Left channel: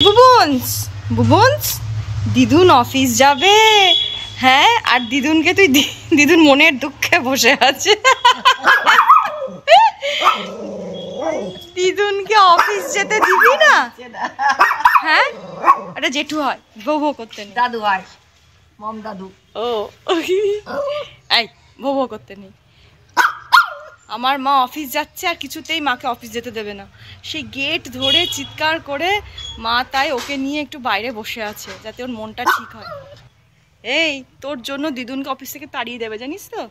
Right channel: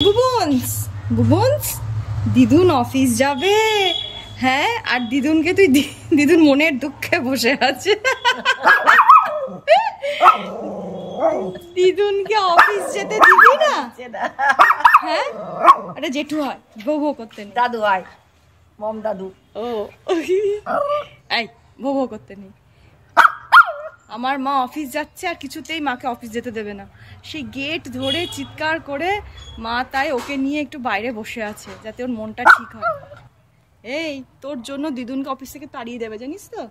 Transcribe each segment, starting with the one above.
বুবুন্স বুবুন্স দিদুন অফিস যাবে। হ্যাঁ, আর দিদুনকে তুই দিদুন মনের দুঃখে বসে আছে। দিদুনকে অফিস যেতে দিবি না? হ্যাঁ, এটা জেঠু হয়, বউ বউ করতে নেই। দাদু হয়, মম দাদু। ও এই বউ বউ করতে নেই। আমার মা অফিস যাচ্ছে আর কিছুতেই মাকে অফিস যেতে দেবে না। সেই গেট ধরে চিৎকার করে মা তাই ওকে নিয়ে একটু বাইরে বসে আছে যাতে ওর মনটা ঠিক হয়। এই তোর জন্য দিদুনকে অফিস থেকে তাড়িয়ে দেবে, জানিস তো?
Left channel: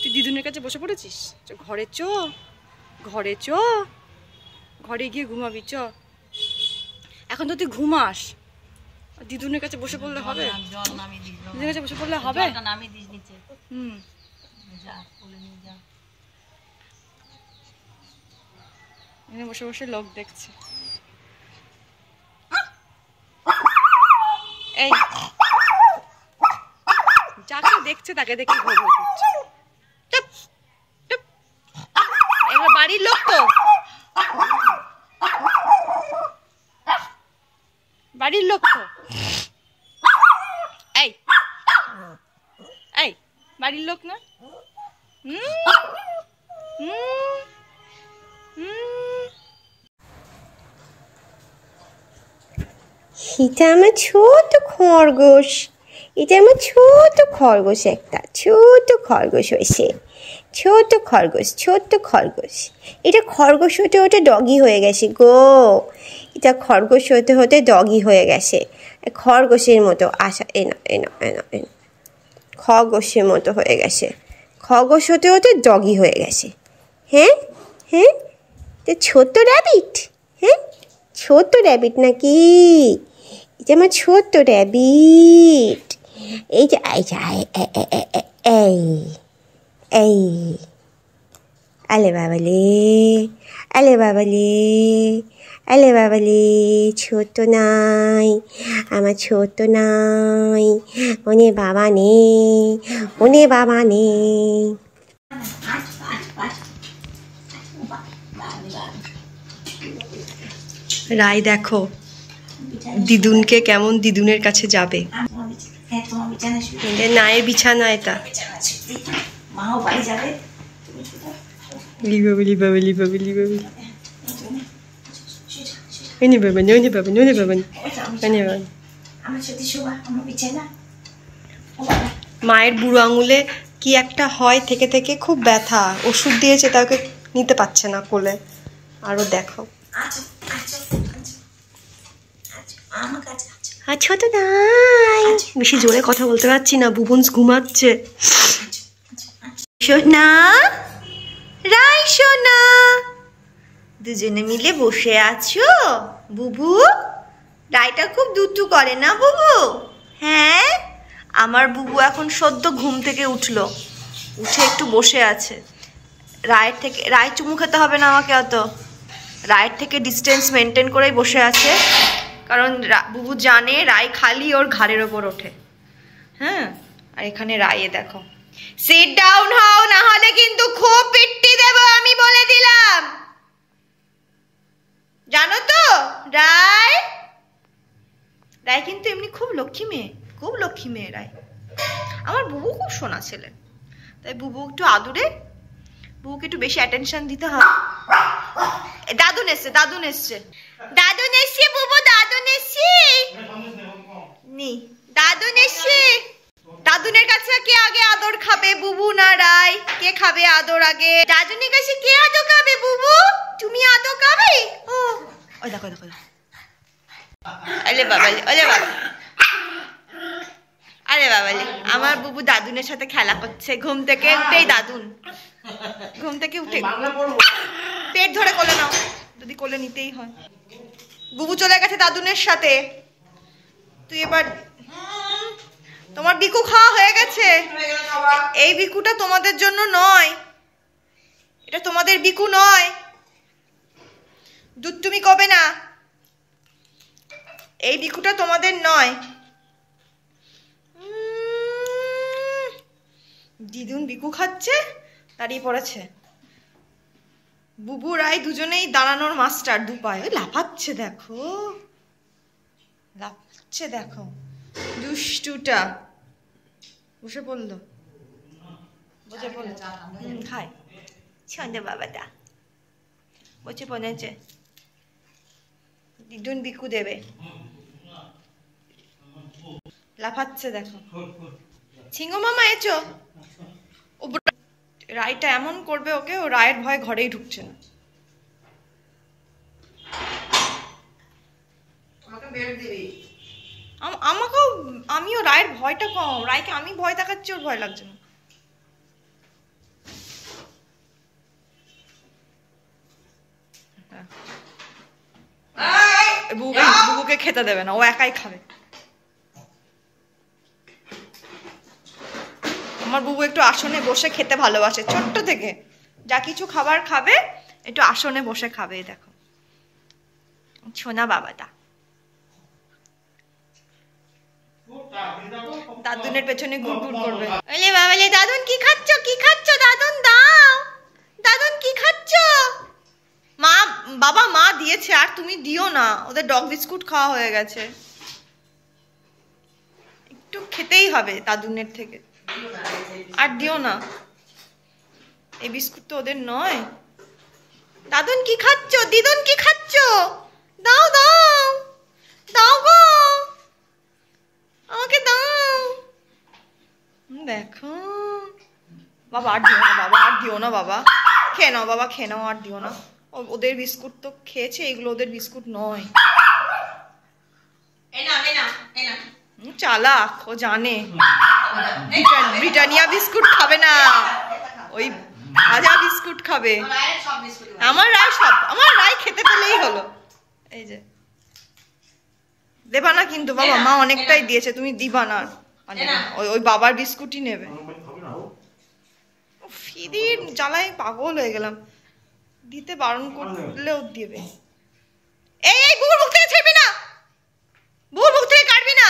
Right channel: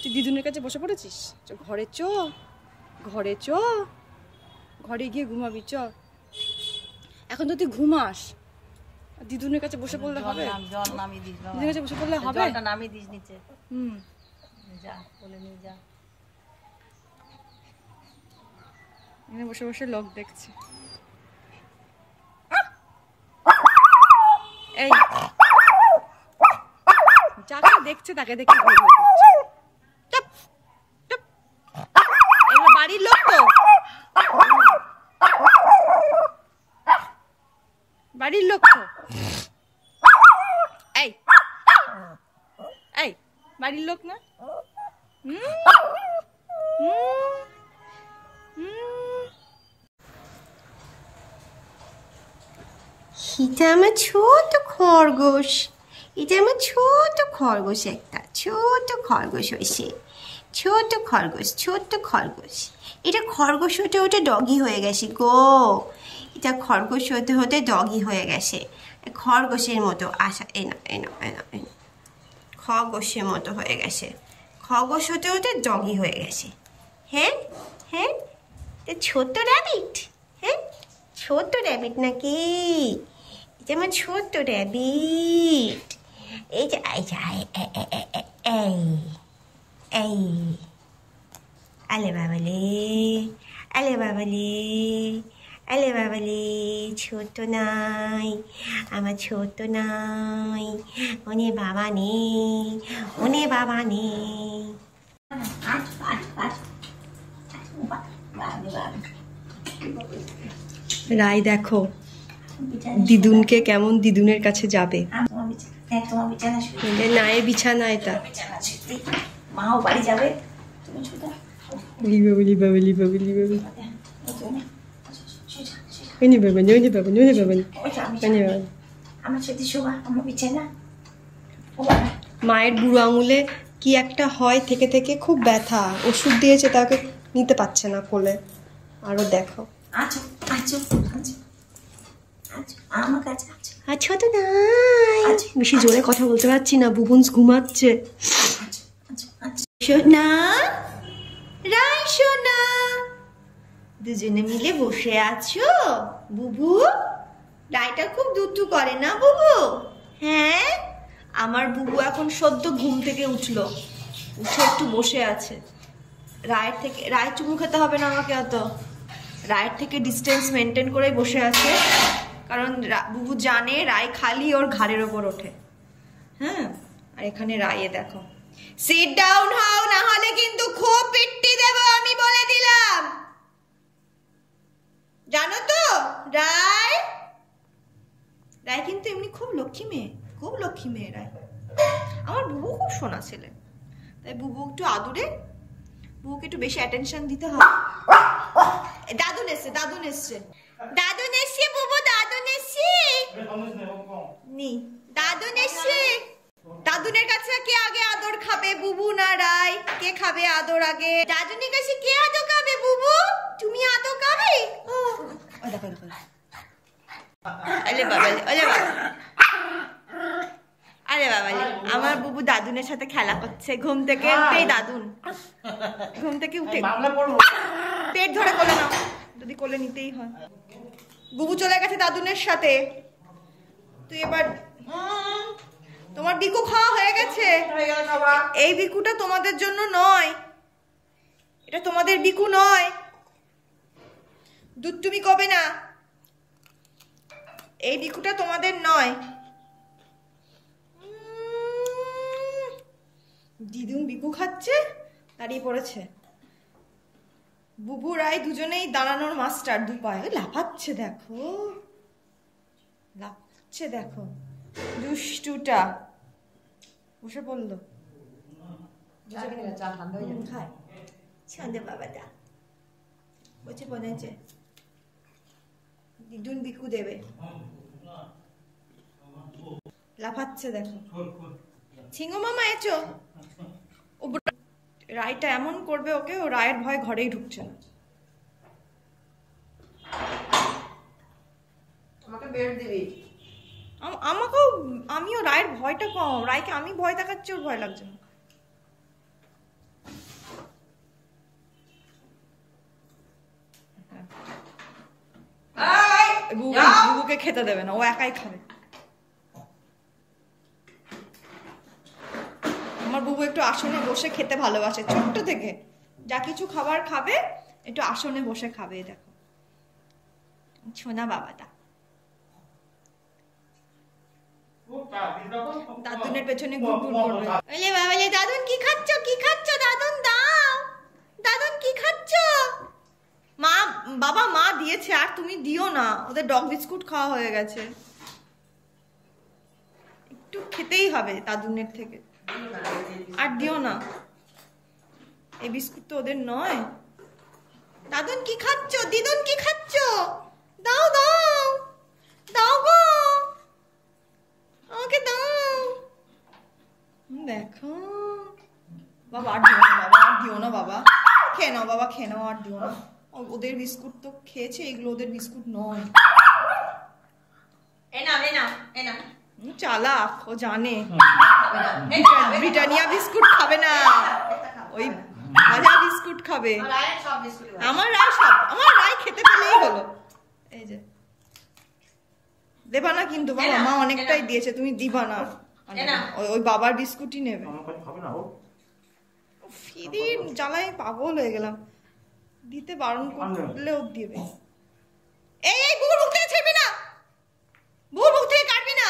তুই দিদুনের কাছে বসে পড়েছিস। ঘরে চ, ঘরে চ, ঘরে গিয়ে ঘুমাবি চ। এখন তো তুই ঘুমাস, দিদুনের কাছে বসে পড়লে হবে? দিদুনের কাছে বসে পড়লে হবে? হুম, যা বলে নিয়ে যা। এখানে বসে বসে লোক দেখছে। এই যাকে দেখছে তাকে দেখে ভয় ভয় করছে। চুপ চুপ, এগুলো বাড়ির লোক তো, বাড়ির লোক তো। এই এই বাড়ির লোক না? এটা আমার ছোট খরগোশ, এটা আমার ছোট খরগোশ, একটা ছোট খরগোশ হয়েছে, ছোট খরগোশ, ছোট খরগোশ। এটা খরগোশ হতে হতে ডগি হয়ে গেছে গো, এটা খরগোশ হতে হতে ডগি হয়ে গেছে। খরগোশের মতো আশা এনো এনো এনো এনো, খরগোশের মতো হয়ে গেছে, খরগোশ হতে হতে ডগি হয়ে গেছে। হ্যাঁ হ্যাঁ, ছোট্ট র্যাবিট। হ্যাঁ, ছোট্ট র্যাবিট নাকি? এটা আমার ছোট্ট র্যাবিট। এই যে এই এই এই, আলে বাবালে, আলে বাবালে, আলে বাবালে, ছোট্ট নাই, আমার ছোট্ট নাই, ওনে বাবা নেই, ওনে বাবা নেই। রাই দেখো দিদুনকে কেমন দিদুনের কাছে যাবে। নায়ের বিছানা এটা। মাও বাড়ি যাবে। লিবাবে লিবাবে লিবাবে লিবাবে, এনে বাবা নে বাবা নে বাবা এনে বাবা। আমার সাথে শোভা, আমার বিছানা। মায়ের বুড়ো আঙুলে কি একটা হয় থেকে থেকে, খুব ব্যথা, ওষুধ দিয়েছে তাকে নিতে পারছে না কোলে। আরো দেখো আচ্ছা তো নাই, বেশি জোরে কথা বলতে পারছি না, বুবুন্স ঘুমাচ্ছে। সোনা, রাই সোনা, দুজনে মিলে বসে আছো? বুবু, রাইটা খুব দুষ্টু করে না বুবু? হ্যাঁ, আমার বুবু এখন সদ্য ঘুম থেকে উঠলো, উঠে একটু বসে আছে। রায়ের থেকে, রায় চুমু খেতে হবে না আমাকে অত, রায়ের থেকে ডিস্টেন্স মেনটেন করেই বসে আছে, কারণ বুবু জানে রায় খালি ওর ঘাড়ের ওপর ওঠে। হ্যাঁ, আর এখানে রায়ে দেখো, সিট ডাউন হও, না হলে কিন্তু খুব পিট্টি দেব আমি বলে দিলাম, জানো তো? রায়, রায় কিন্তু এমনি খুব লক্ষ্মী মেয়ে, খুব লক্ষ্মী মেয়ে রায়। আমার বুবু খুব সোনা ছেলে, তাই বুবু একটু আদুরে, বুবুকে একটু বেশি অ্যাটেনশন দিতে হয়। দাদুন এসছে, দাদুন এসছে, দাদুন এসছে বুবু, দাদুন এসছে নি, দাদুন এসছে। দাদুনের কাছে কে আগে আদর খাবে, বুবু না রায়? কে খাবে আদর আগে? দাদুনের কাছে কে আদর খাবে? বুবু, তুমি আদর খাবে? ও ওই দেখো দেখো, আরে বাবা, আরে বাবা, আরে বাবালে, আমার বুবু দাদুনের সাথে খেলা করছে। ঘুম থেকে উঠেই দাদুন, ঘুম থেকে উঠে পেট ধরে কোলে নাও, যদি কোলে নিতেই হয়। বুবু চলে গেছে দাদুনের সাথে। তুই এবার, তোমার বিকু খাওয়া হয়ে গেছে। এই বিকুটা তোমাদের জন্য নয়, এটা তোমাদের বিকু নয়। দুধ তুমি কবে না, এই বিকুটা তোমাদের নয়। দিদুন বিকু খাচ্ছে, দাঁড়িয়ে পড়েছে। বুবু রাই দুজনেই দাঁড়ানোর মাস্টার, দুপায়। ওই লাফাচ্ছে দেখো। লাফছে দেখো, দুষ্টুটা বসে পড়লো, বসে পড়লো, খায় সন্ধ্যে বাবাটা বসে পড়েছে। দিদুন বিকু দেবে, লাফাচ্ছে দেখো। সিংহ মামা এসো। ও রায়টা এমন করবে ওকে, ও রায়ের ভয় ঘরেই ঢুকছে না। আমাকেও, আমিও রায়ের ভয়টা কম, রায়কে আমি ভয় দেখাচ্ছি, ওর ভয় লাগছে না। বুবুকে খেতে দেবে না, ও একাই খাবে। আমার বুবু একটু আসনে বসে খেতে ভালোবাসে ছোট্ট থেকে, যা কিছু খাবার খাবে একটু আসনে বসে খাবে। দেখো সোনা বাবাটা দাদুনের পেছনে ঘুরঘুর করবে। ওলে বাবালে, দাদুন কি খাচ্ছ, কি খাচ্ছ দাদুন, দাও দাদুন কি খাচ্ছ। মা বাবা মা দিয়েছে, আর তুমি দিও না, ওদের ডগ বিস্কুট খাওয়া হয়ে গেছে, একটু খেতেই হবে দাদুনের থেকে, আর দিও না, এই বিস্কুট তো ওদের নয়। দাদুন কি খাচ্ছ, দিদুন কি খাচ্ছ, দাও দাও দাও গো, আমাকে দাও। দেখো বাবা, আর দিও না বাবা, আর দিও না বাবা, খেয়ে নাও বাবা, খেয়ে নাও, আর দিও না। ওদের বিস্কুট তো খেয়েছে, এগুলো ওদের বিস্কুট নয়। চালাক, ও জানে ব্রিটানিয়া বিস্কুট খাবে না, ওই ভাজা বিস্কুট খাবে। আমার রায় খেতে পেলেই হলো। এই যে দেবা না কিন্তু বাবা, মা অনেকটাই দিয়েছে, তুমি দিবা না, ওই বাবার বিস্কুটই নেবে। ফিদির জ্বালায় পাগল হয়ে গেলাম, দিতে বারণ করলেও দেবে। এই বুবুর মুখ থেকে ছেড়বি না, বুবুর মুখ থেকে কাটবি না,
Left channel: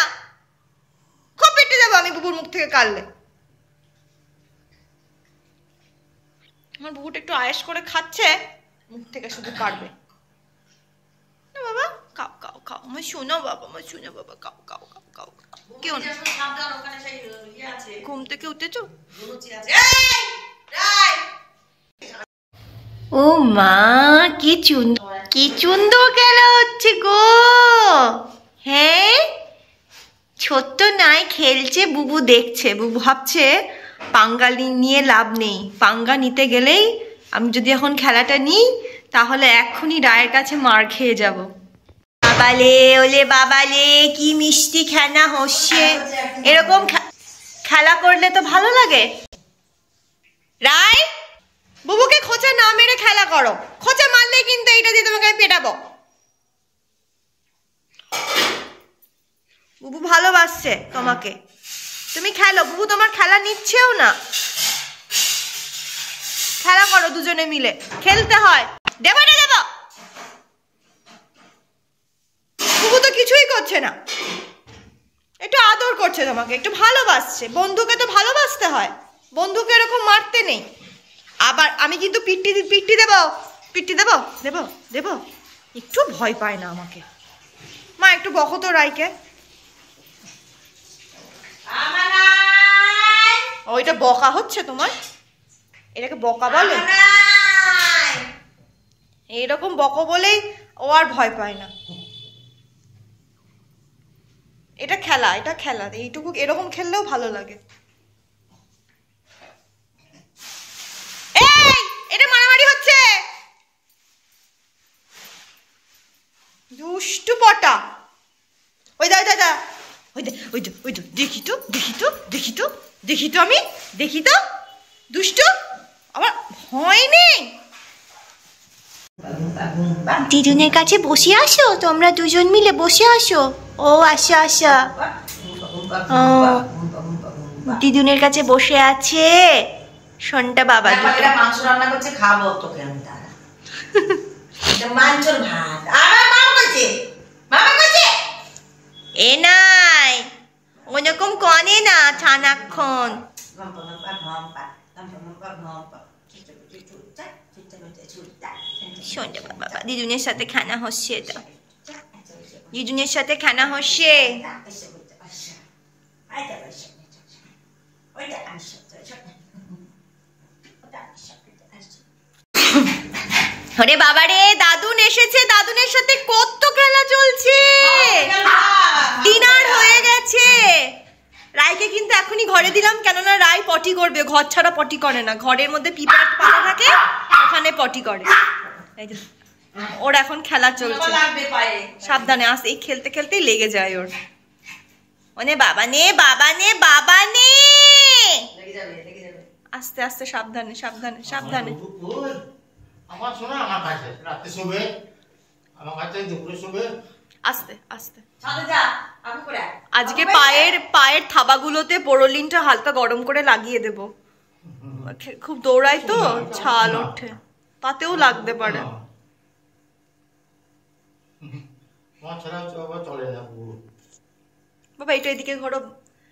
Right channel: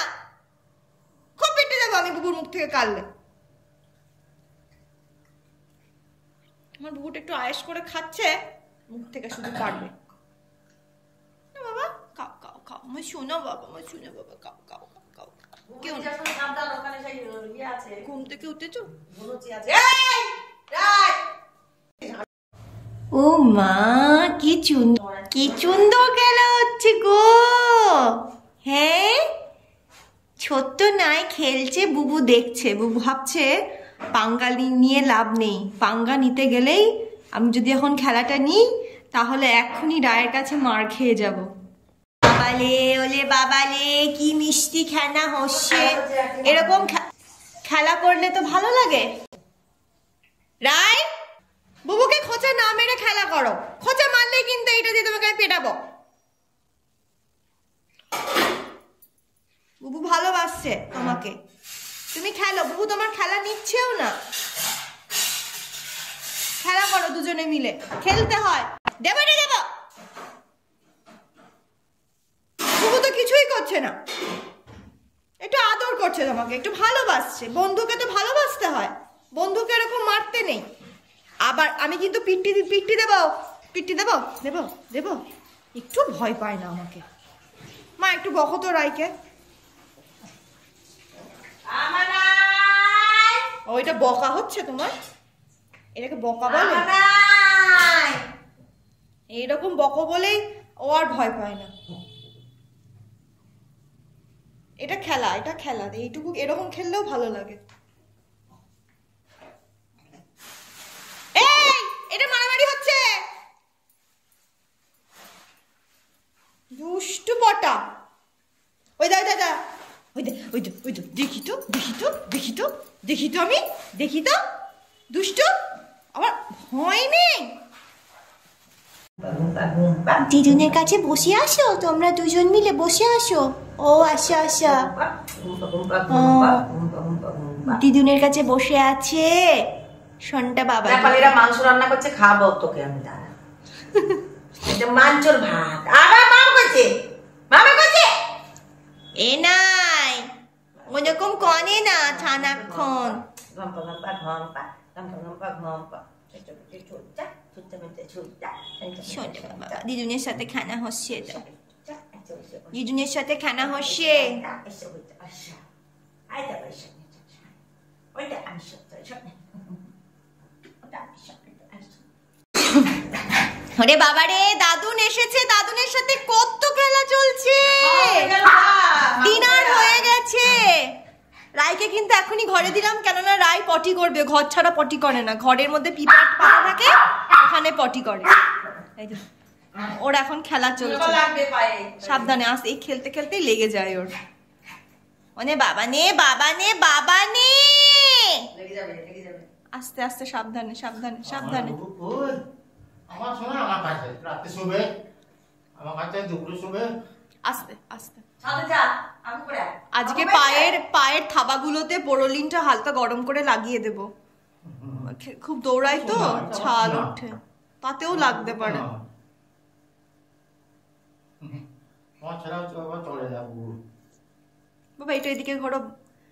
খুব পেটে যাবো আমি বুবুর মুখ থেকে কাটলে। আমার বুবুটা একটু আয়েস করে খাচ্ছে, মুখ থেকে শুধু কাটবে না। বাবা খাও খাও খাও, আমার শোনো বাবা, আমার শোনো বাবা, খাও খাও খাও খাও। কেউ না, ঘুম থেকে উঠেছো? ও মা, কি সুন্দর খেলা হচ্ছে গো। হ্যাঁ, ছোট্ট নাই খেলছে, বুবু দেখছে, বুবু ভাবছে পাঙ্গা নিয়ে লাভ নেই, পাঙ্গা নিতে গেলেই আমি যদি এখন খেলাটা নিই তাহলে এক্ষুনি রায়ের কাছে মার খেয়ে যাব। বাবালে, ওলে বাবালে, কি মিষ্টি খেলা হচ্ছে। এরকম খেলা করলে তো ভালো লাগে। রায়, বুবুকে খোঁচা না মেরে খেলা করো, খোঁচা মারলে কিন্তু এইটা দিয়ে তোমাকে আমি পেটাবো। বুবু ভালোবাসছে তোমাকে, তুমি খেলো, বুবু তোমার খেলা নিচ্ছেও না। খেলা করো দুজনে মিলে, খেলতে হয়। দেবো না দেবো, বুবু তো কিছুই করছে না, একটু আদর করছে তোমাকে, একটু ভালোবাসছে। বন্ধুকে তো ভালোবাসতে হয়, বন্ধুকে এরকম মারতে নেই। আবার আমি কিন্তু পিট্টি দেবো, পিট্টি দেবো দেবো দেবো, একটু ভয় পায় না আমাকে। মা একটু বকো তো রাইকে। ওইটা বকা হচ্ছে তোমার, এটাকে বকা বলে? এইরকম বকো বলেই ও আর ভয় পায় না। এটা খেলা, এটা খেলা, এইটুকু এরকম খেললেও ভালো লাগে। এই, এটা মারামারি হচ্ছে, দুষ্টু পটা। ওই দা দাদা, ওই দে ওই দে ওই দে, দেখি তো দেখি তো দেখি তো দেখি তো, আমি দেখি তো, দুষ্টু, আমার ভয় নেই। দিদুনের কাছে বসে আসো, তোমরা দুজন মিলে বসে আসো। ও আসো আসো, ও দিদুনের কাছে বসে আছে সন্টা বাবা। মাংস রান্না করছে, খাবো তোকে আমি। দাঁড়া, মাংসর ভাত, আবার মামা করছে, মামা করছে। এ নাই, ওরকম কনে না ছানাক্ষণ। সন্ধ্যা বাবা, দিদুনের সাথে খানা হচ্ছে এটা। জিজুনের সাথে খেলা হচ্ছে। আরে বাবা রে, দাদুন এসেছে, দাদুনের সাথে কত খেলা চলছে। ডিনার হয়ে গেছে। রায়কে কিন্তু এখনই ঘরে দিলাম, কেননা রায় পটি করবে, ঘর ছাড়া পটি করে না, ঘরের মধ্যে পিঁপড়া পাতা থাকে ওখানে পটি করে। এই যে ওর এখন খেলা চলছে, সাবধানে আস, এই খেলতে খেলতেই লেগে যায় ওর। মানে বাবা নে বাবা নে বাবা নে, আস্তে আস্তে, সাবধানে সাবধানে সাবধানে। আমার শোনা আমার কাছে রাতে শোবে, আমার কাছে দুপুরে শোবে, আস্তে আস্তে। আজকে পায়ের থাবাগুলোতে পোরোলিনটা হালকা গরম করে লাগিয়ে দেব, খুব দৌড়াই তো ছাল ওঠে, তাতেও লাগতে পারে। বাবা এটা এদিকে ঘোরো,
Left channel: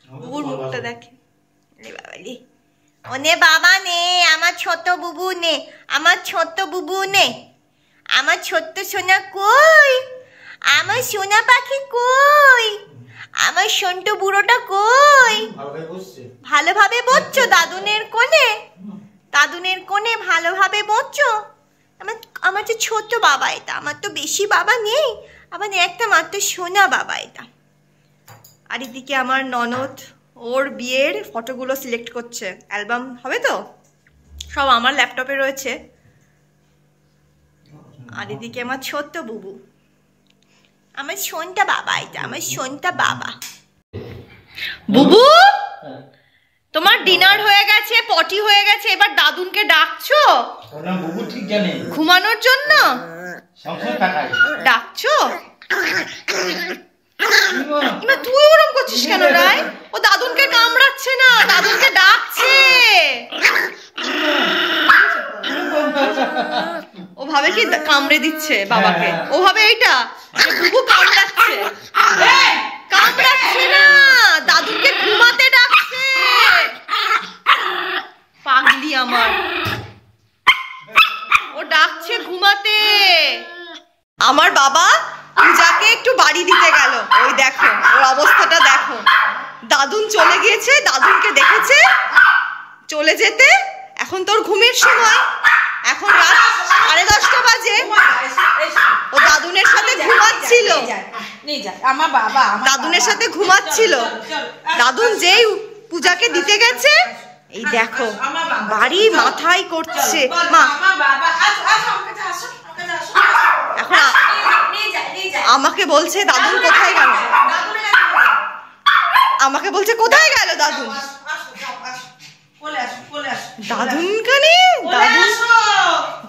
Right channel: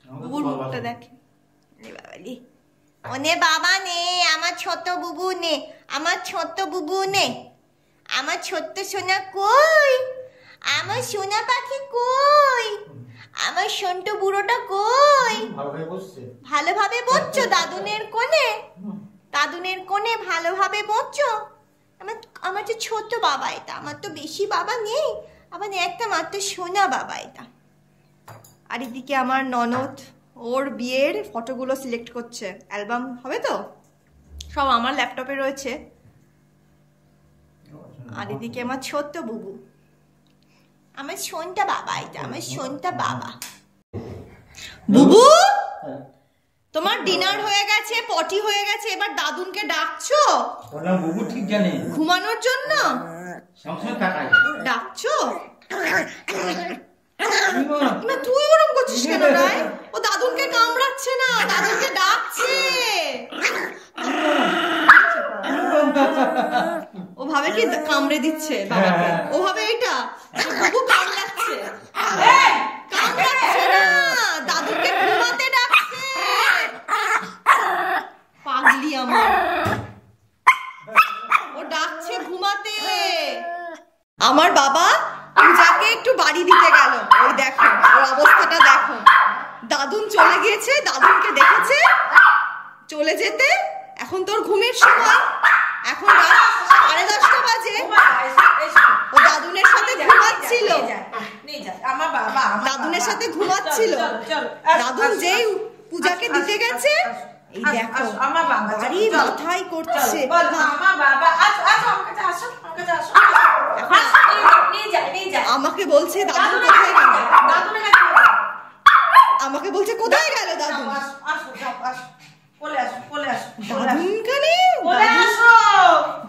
বুবুর মুখটা দেখে। ওনে বাবা নে, আমার ছোট বুবু নে, আমার ছোট বুবু নে, আমার ছোট্ট সোনা কই, আমার সোনা পাখি কই, আমার সন্টু বুড়োটা কই। ভালোভাবে বসছো দাদুনের কোণে, দাদুনের কোণে ভালোভাবে বসছো। আমার যে ছোট বাবা এটা, আমার তো বেশি বাবা নেই, আমার একটা মাত্র সোনা বাবা এটা। আর এদিকে আমার ননদ ওর বিয়ের ফটোগুলো সিলেক্ট করছে, অ্যালবাম হবে তো, সব আমার ল্যাপটপে রয়েছে। আর এদিকে আমার ছোট্ট বুবু, আমার সোনটা বাবা এটা, আমার সোনটা বাবা। বুবু তোমার ডিনার হয়ে গেছে, পটি হয়ে গেছে, এবার দাদুনকে ডাকছো? বুবু ঠিক জানে ঘুমানোর জন্য ডাকছো? তুই ওরম করছিস কেন রায়? ও দাদুনকে কামড়াচ্ছে না, দাদুনকে ডাকছে। ও ভাবে কি কামড়ে দিচ্ছে বাবাকে, ও ভাবে এইটা বুবু কামড়াচ্ছে। কামড়াচ্ছে না, দাদুকে ঘুমাতে ডাকছে। পাগলি আমার, ও ডাকছে ঘুমাতে। আমার বাবা পূজাকে একটু বাড়ি দিতে গেল, ওই দেখো ওর অবস্থাটা দেখো। দাদুন চলে গিয়েছে, দাদুনকে দেখেছে চলে যেতে, এখন তোর ঘুমের সময়, এখন রাত 10:30 বাজে। ও দাদুনের সাথে ঘুমাচ্ছিল, দাদুনের সাথে ঘুমাচ্ছিল। দাদুন যেই পূজাকে দিতে গেছে, এই দেখো বাড়ি মাথায় করছে। মা এখন আমাকে বলছে দাদুন কোথায় গেল, আমাকে বলছে কোথায় গেল দাদুন। দাদুন কানে,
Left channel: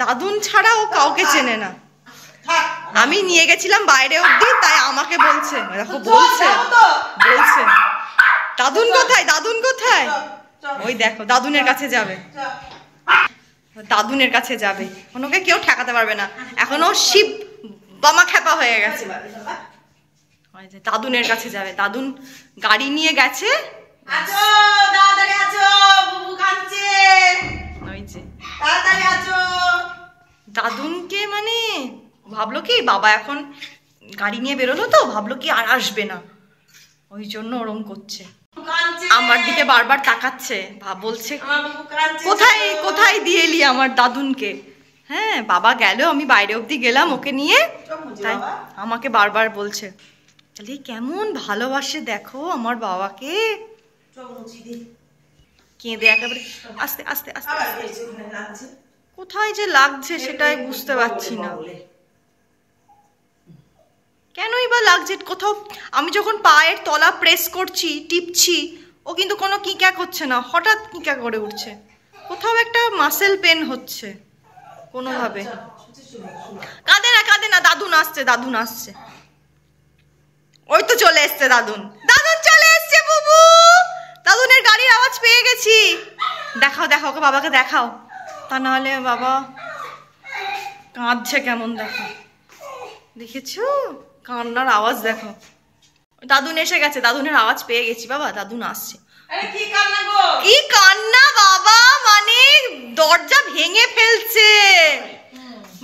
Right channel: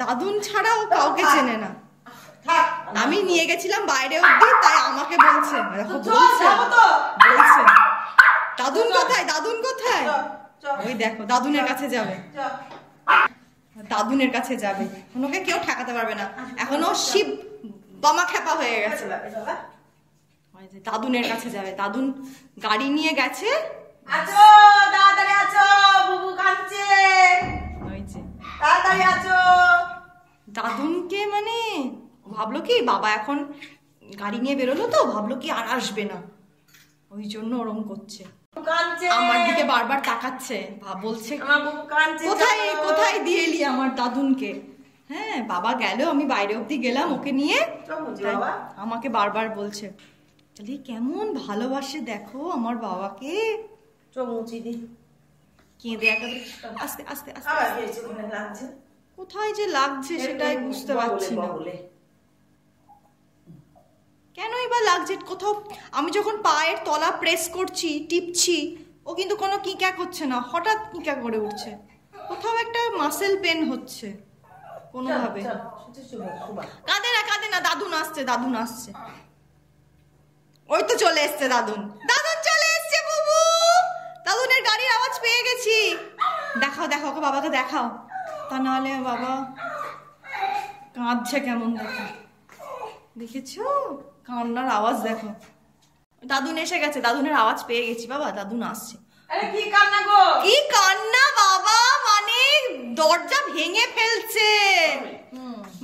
দাদুন ছাড়া ও কাউকে চেনে না। আমি নিয়ে গেছিলাম বাইরে অব্দি, তাই আমাকে বলছে, দেখো বলছে বলছে দাদুন কোথায়, দাদুন কোথায়। ওই দেখো দাদুনের কাছে যাবে, দাদুনের কাছে যাবে, ওকে কেউ ঠেকাতে পারবে না। এখনো শিব বামা খেপা হয়ে গেছে, দাদুনের কাছে যাবে। দাদুন গাড়ি নিয়ে গেছে, দাদুনকে মানে ভাবলো কি বাবা এখন গাড়ি নিয়ে বেরোলো তো, ভাবলো কি আর আসবে না, ওই জন্য ওরম করছে। আমার দিকে বারবার তাকাচ্ছে, বলছে কোথায় কোথায় দিয়ে এলি আমার দাদুনকে। হ্যাঁ বাবা গেল, আমি বাইরে অব্দি গেলাম ওকে নিয়ে, তাই আমাকে বারবার বলছে তাহলে কেমন ভালোবাসে দেখো আমার বাবাকে। কেঁদে একেবারে আস্তে আস্তে আস্তে, কোথায় যে লাগছে সেটাই বুঝতে পারছি না, কেনই বা লাগছে কোথাও। আমি যখন পায়ের তলা প্রেস করছি, টিপছি, ও কিন্তু কোনো কিঁকা করছে না, হঠাৎ কিঁকা করে উঠছে, কোথাও একটা মাসেল পেন হচ্ছে কোনোভাবে। কাঁদে না কাঁদে না, দাদুন আসছে, দাদুন আসছে, ওই তো চলে এসছে দাদুন, দাদুন চলে এসছে। বুবু দাদুনের গাড়ির আওয়াজ পেয়ে গেছি। দেখাও দেখাও ওকে, বাবাকে দেখাও, তা নাহলে বাবা কাঁদছে কেমন দেখো, দেখেছো কান্নার আওয়াজ দেখো। দাদুন এসে গেছে, দাদুনের আওয়াজ পেয়ে গেছি বাবা, দাদুন আসছে। কি কান্না গো, কি কান্না বাবা, মানে দরজা ভেঙে ফেলছে,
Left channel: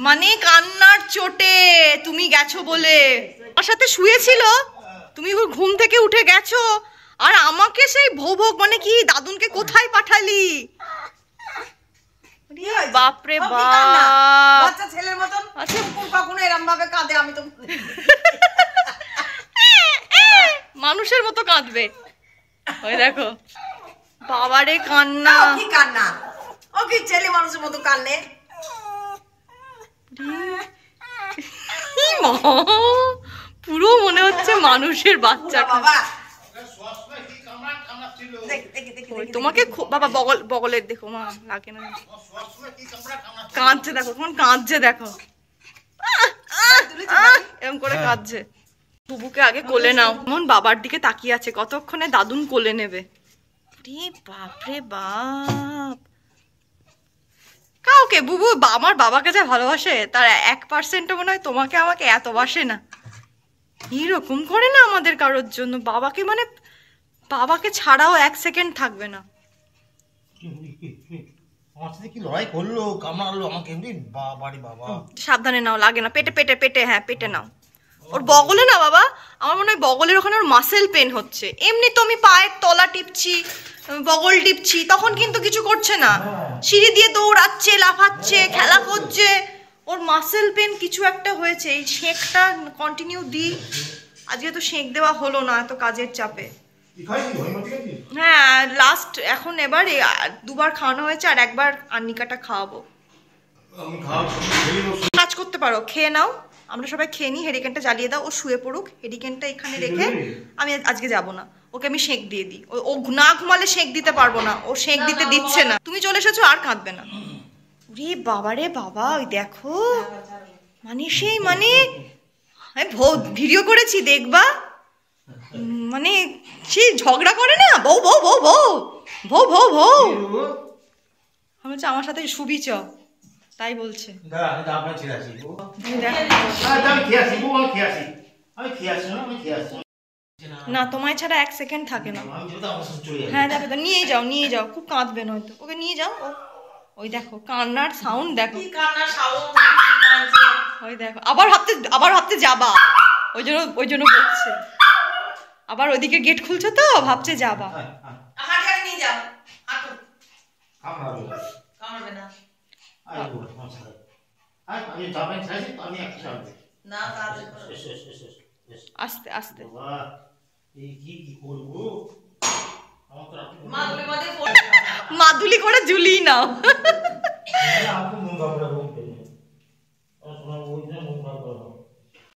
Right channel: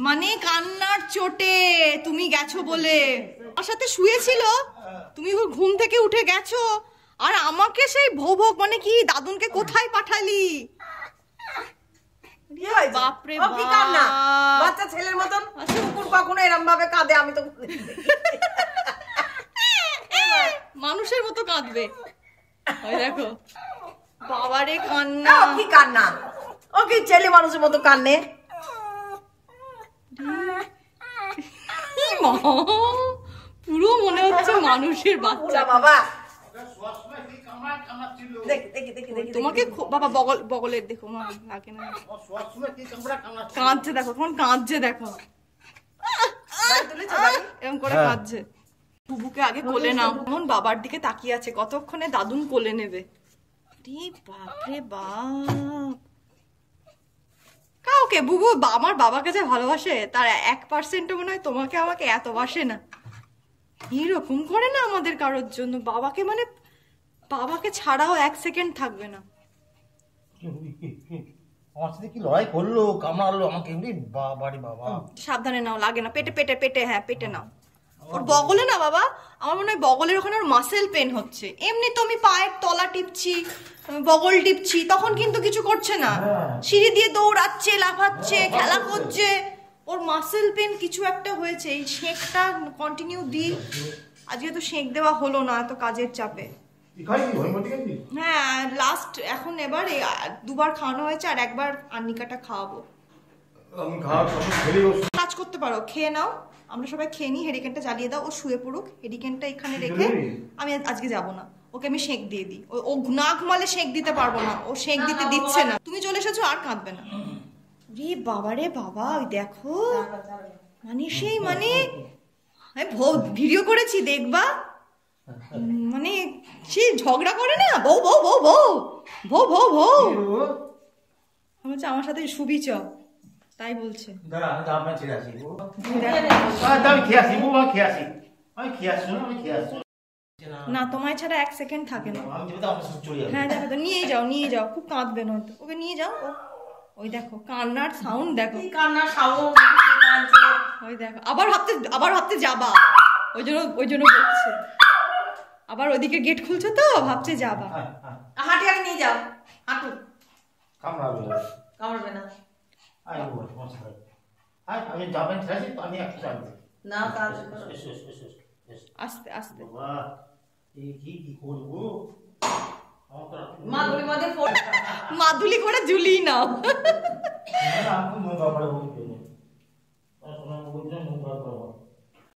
মানে কান্নার চোটে, তুমি গেছো বলে। আমার সাথে শুয়েছিল, তুমি ঘুম থেকে উঠে গেছো আর আমাকে সেই ভোগ মানে কি দাদুনকে কোথায় পাঠালি? বাপরে বাপ, বাচ্চা ছেলের মতন কুকুর কখনো এরকম ভাবে কাঁদে আমি তো মানুষের মতো কাঁদবে। ওই দেখো বাবারে কান্না, কি কান্না, ও কি ছেলে মানুষের মতো কান্নে? পুরো মনে হচ্ছে মানুষের বাচ্চা। বাবা তোমাকে বাবা বগলের দেখো মা, লাগে না, কাঁদছে দেখো, তখন কাঁদছে দেখো, এরকম করে কাঁদছে। বুবুকে আগে কোলে নাও, এমন বাবার দিকে তাকিয়ে আছে, কতক্ষণে দাদুন কোলে নেবে। বাপরে বাপ, কাউকে বুবু আমার বাবাকে যা ভালোবাসে তার 1% মনে হয় তোমাকে আমাকে এত বাসে না। এরকম করে না আমাদের কারোর জন্য, বাবাকে মানে বাবাকে ছাড়াও 1 সেকেন্ড থাকবে না। আমার সাথে কি লড়াই করলো, কামড়ালো আমাকে, বাবারে বাবা। সাবধানে নাও, লাগে না, পেটে পেটে পেটে, হ্যাঁ পেটে নাও। ওর বগলে না বাবা, আমার মনে হয় বগলের ওখানে ওর মাসেল পেন হচ্ছে। এমনি তো আমি পায়ের তলা টিপছি, বগল টিপছি, তখন কিন্তু কিছু করছে না। সিঁড়ি দিয়ে দৌড়াচ্ছে, লাফাচ্ছে, খেলা করছে, ওর মাসেল পেন কিছু একটা হয়েছে। এই সেঁকটা কন্টিনিউ দিই, আজকে তো সেঁক দেওয়া হলো না এত কাজের চাপে। হ্যাঁ লাস্ট এখন এবার 2 বার খাওয়ানো হয়েছে, আর 1 বার আন্নিকাটা খাওয়াবো। কাজ করতে পারো, খেয়ে নাও, আমরা সবাই খেয়ে নিই, হেরিকেনটা জ্বালিয়ে দাও, ও শুয়ে পড়ুক, হেরিকেনটা এখানে রেখে আমি আজকে যাব না, ওকে আমি সেঁক দিয়ে দিই। ও না ঘুমালে সেঁক দিতে পারবো না, ও সেঁক দিতে দিচ্ছে না। তুমি চলে এসেছো, আর কাঁদবে না। রে বাবা রে বাবা, ওই দেখো মানে সেই মানে ভিডিও করেছি দেখবা, মানে সে ঝগড়া করে না, বউ বউ বউ বউ বউ বউ বউ, আমি হচ্ছে আমার সাথে শুবি চ, তাই বলছে। না তোমায় ছাড়া 1 সেকেন্ড থাকে না। হ্যাঁ যাবে তো, নিয়ে যাও নিয়ে যাও, খুব কাঁদবে নয়তো, ওকে নিয়ে যাও। ওই দেখো কান্নার সাউন্ড দেখো, ওই দেখো আবার ভাবতে যাবা, ওই জন্য বলছে। আবার ওইদিকে গেট খুলছো তো ভাবছে যাবা। হাঁটি হাঁটি নিয়ে যাও, হাঁটু কামড়বে না। আস্তে আস্তে মাদুলি করে ঝুলিয়ে নাও।